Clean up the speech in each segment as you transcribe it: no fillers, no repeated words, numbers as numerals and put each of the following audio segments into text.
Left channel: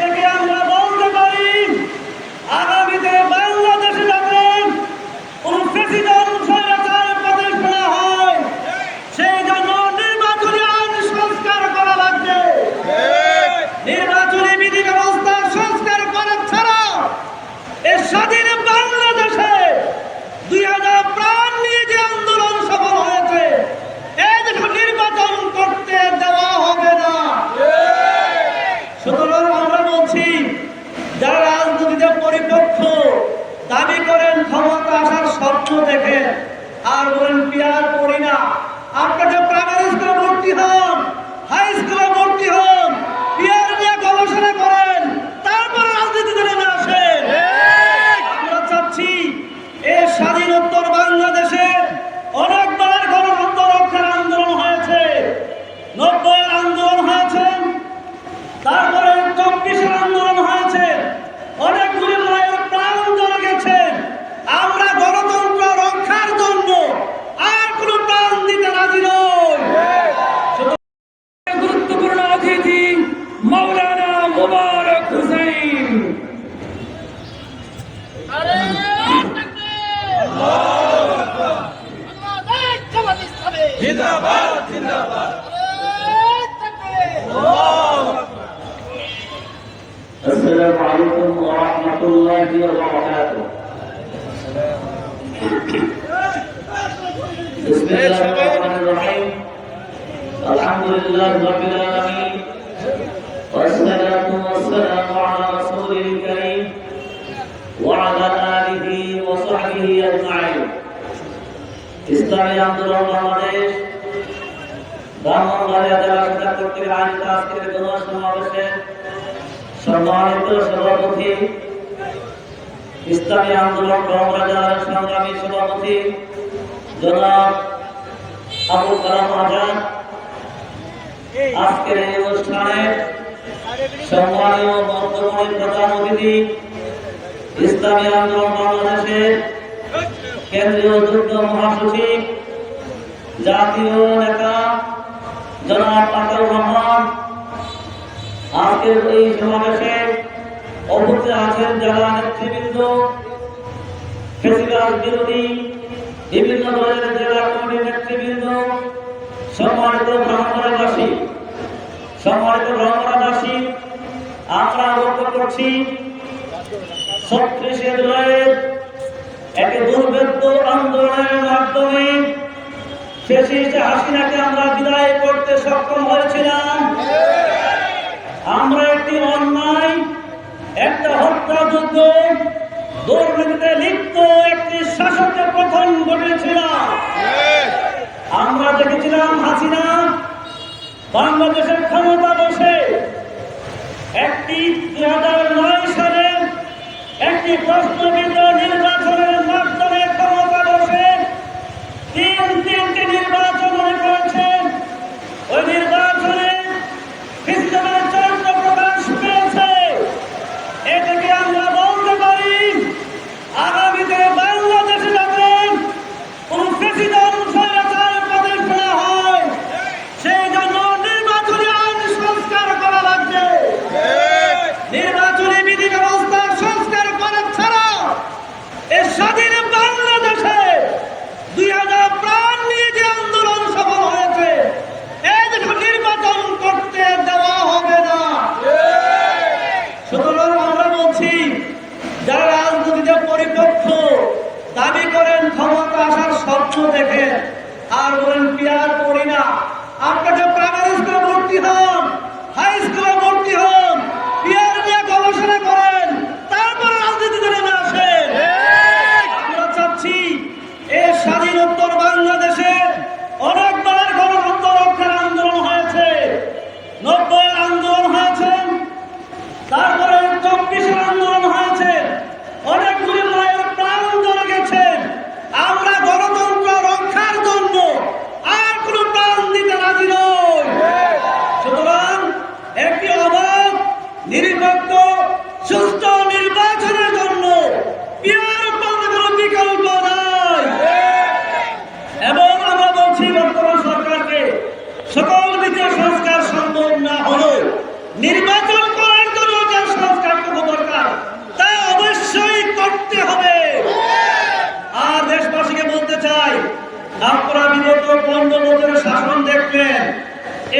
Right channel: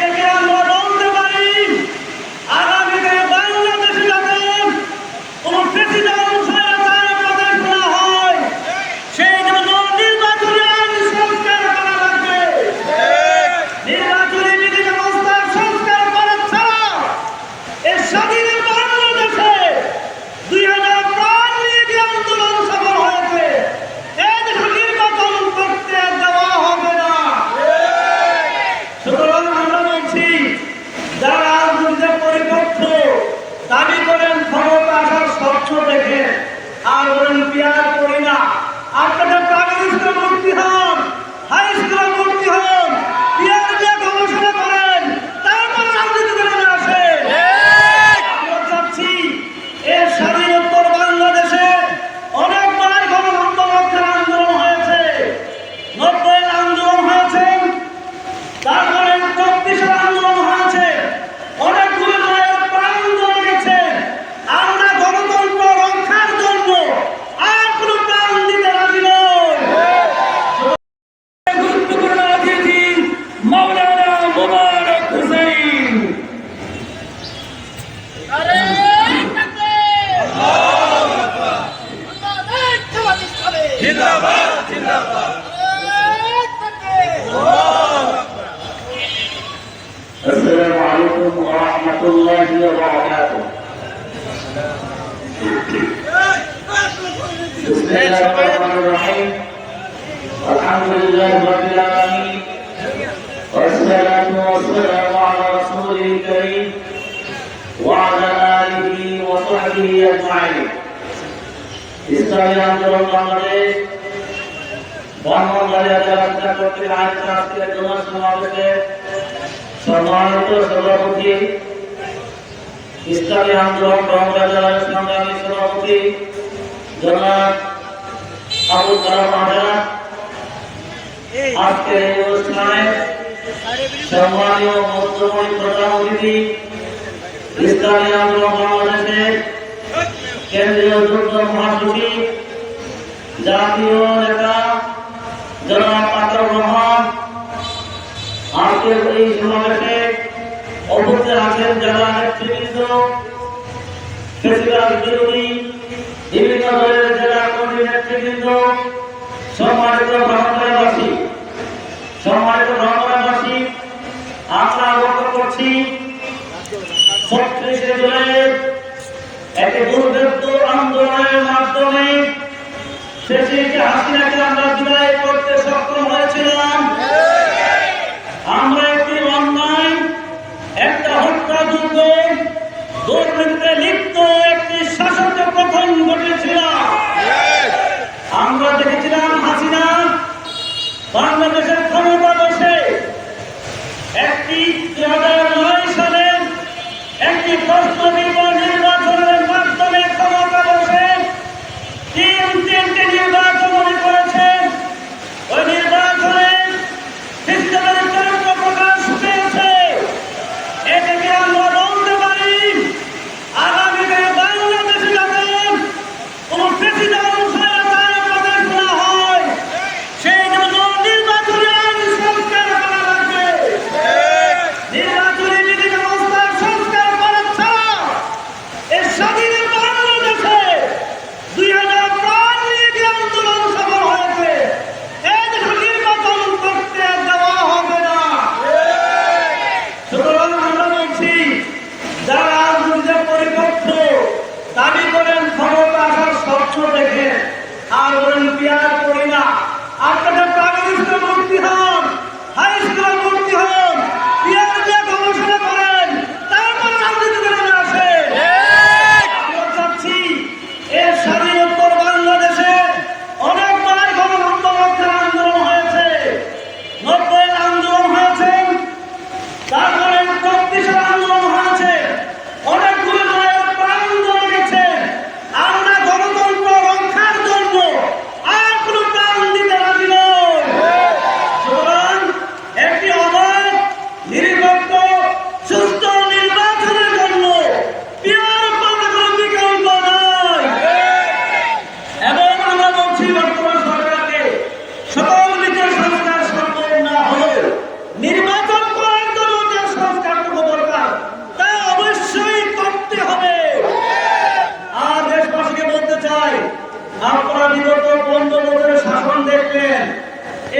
থেকে আমরা বলতে পারি আগামীতে বাংলাদেশে যাতে কোন প্রেসিডেন্ট স্বৈরাচার প্রদেশ না হয়, সেই জন্য নির্বাচনী আইন সংস্কার করা লাগবে। নির্বাচনী বিধি ব্যবস্থা সংস্কার করা ছাড়া এই স্বাধীন বাংলাদেশে 2000 প্রাণ নিয়ে যে আন্দোলন সফল হয়েছে, এই দেশে নির্বাচন করতে দেওয়া হবে না। সুতরাং আমরা বলছি, যারা রাজনীতিতে পরিপক্ষ দাবি করেন ক্ষমতা আসার স্বপ্ন দেখে আর বলেন পিয়ার করি না, আপনাদের প্রাইমারি স্কুলে ভর্তি হন, হাই স্কুলে ভর্তি হন, পিয়ার নিয়ে গবেষণা করেন, তারপরে রাজনীতিতে নেমে আসেন। আমরা চাচ্ছি এই স্বাধীন উত্তর বাংলাদেশে অনেকবার গণতন্ত্র রক্ষার আন্দোলন হয়েছে, 90-এর আন্দোলন হয়েছে, তারপরে 34-এর আন্দোলন হয়েছে, অনেকগুলো মায়ের প্রাণ চলে গেছে। আমরা গণতন্ত্র রক্ষার জন্য আর কোনো প্রাণ দিতে রাজি নই। গুরুত্বপূর্ণ অতিথি মাওলানা মোবারক হোসেন। জিন্দাবাদ জিন্দাবাদ। السلام عليكم ورحمة الله وبركاته. بسم الله الرحمن الرحيم. الحمد لله رب العالمين والصلاة والسلام على رسوله الكريم وعلى آله وصحبه أجمعين. ইসলামী আন্দোলন বাংলাদেশ ব্রাহ্মণবাড়িয়া জেলা শাখা কর্তৃক আয়োজিত আজকের জনসভা সমাবেশে সম্মানিত সভাপতি, ইসলামী আন্দোলন বাংলাদেশের সংগ্রামী সভাপতি জনাব আবুল কালাম আজাদ, আজকের এই অনুষ্ঠানে সম্মানীয় মধ্যমণি প্রধান অতিথি, ইসলামী আন্দোলন বাংলাদেশের কেন্দ্রীয় যুগ্ম মহাসচিব, জাতীয় নেতা জনাব আতাউর রহমান, আজকের এই সমাবেশে উপস্থিত আছেন যারা নেতৃবৃন্দ, ফেসিবাদ বিরোধী বিভিন্ন দলের জেলা কমিটির নেতৃবৃন্দ, সম্মানিত ব্রাহ্মণবাসী, আমরা অবগত করছি 36শে জুলাই একটি দুর্ভেদ্য আন্দোলনের মাধ্যমে শেষে হাসিনাকে আমরা বিদায় করতে সক্ষম হয়েছিলাম। আমরা একটি অন্যায়, একটা হত্যাযোগ্য দুর্নীতিতে লিপ্ত একটি শাসকের পতন ঘটিয়েছিলাম। আমরা দেখেছিলাম হাসিনা বাংলাদেশের ক্ষমতা বসে একটি 2009 সালে একটি প্রস্তাবিত নির্বাচনের মাধ্যমে ক্ষমতা বসে তিনটি নির্বাচন করেছেন। ওই নির্বাচনে খ্রিস্টানের চরিত্র প্রকাশ পেয়েছে। এ থেকে আমরা বলতে পারি আগামীতে বাংলাদেশে যাতে কোন প্রেসিডেন্ট স্বৈরাচার প্রদেশ না হয়, সেই জন্য নির্বাচনী আইন সংস্কার করা লাগবে। নির্বাচনী বিধি ব্যবস্থা সংস্কার করা ছাড়া এই স্বাধীন বাংলাদেশে 2000 প্রাণ নিয়ে যে আন্দোলন সফল হয়েছে, এই দেশে নির্বাচন করতে দেওয়া হবে না। সুতরাং আমরা বলছি, যারা রাজনীতিতে পরিপক্ষ দাবি করেন ক্ষমতা আসার স্বপ্ন দেখে আর বলেন পিয়ার করি না, আপনাদের প্রাইমারি স্কুলে ভর্তি হন, হাই স্কুলে ভর্তি হন, পিয়ার নিয়ে গবেষণা করেন, তারপরে রাজনীতিতে নেমে আসেন। আমরা চাচ্ছি এই স্বাধীন উত্তর বাংলাদেশে অনেকবার গণতন্ত্র রক্ষার আন্দোলন হয়েছে, 90-এর আন্দোলন হয়েছে, তারপরে 34-এর আন্দোলন হয়েছে, অনেকগুলো মায়ের প্রাণ চলে গেছে। আমরা গণতন্ত্র রক্ষার জন্য আর কোনো প্রাণ দিতে রাজি নই। সুতরাং দেখবেন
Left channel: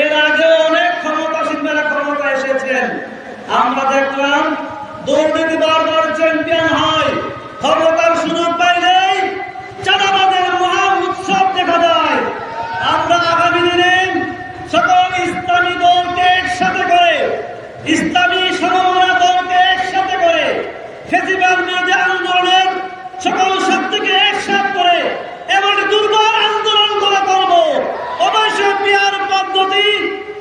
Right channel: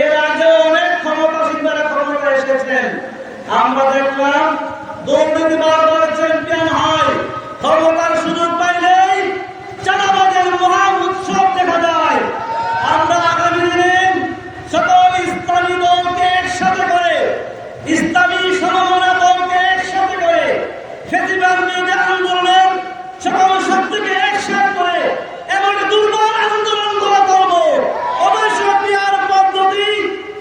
এর আগে অনেক ক্ষমতাসীনরা ক্ষমতা এসেছেন, আমরা দেখলাম দুর্নীতিবাজ চ্যাম্পিয়ন হয়, ক্ষমতার সুযোগ পাইলেই চাঁদাবাজের মহা উৎসব দেখা যায়। আমরা আগামী দিনে সকল ইসলামী দলকে একসাথে করে, ইসলামী সমমনা দলকে একসাথে করে, ফেসিবাদ বিরোধী আন্দোলনের সকল শক্তিকে একসাথে করে এমন দুর্বল আন্দোলন গড়ে তুলব। অবশ্যই পিয়ার পদ্ধতি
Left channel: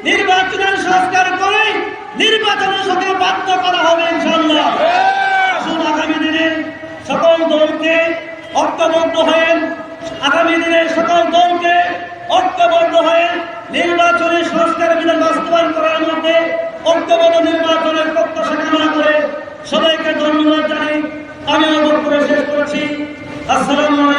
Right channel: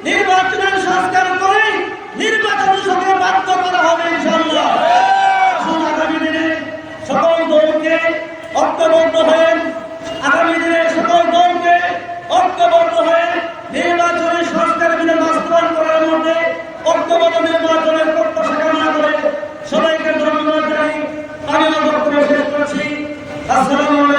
নির্বাচনের সংস্কার করে নির্বাচনের সাথে বাধ্য করা হবে ইনশাআল্লাহ। আসুন আগামী দিনে সকল দলকে ঐক্যবদ্ধ হয়ে, আগামী দিনে সকল দলকে ঐক্যবদ্ধ হয়ে নির্বাচনের সংস্কার বিধান বাস্তবায়ন করার মধ্যে ঐক্যবদ্ধ নির্বাচনের প্রত্যাশা কামনা করে সবাইকে ধন্যবাদ জানাই আমি আমার বক্তব্য শেষ করছি। আসসালামু আলাইকুম।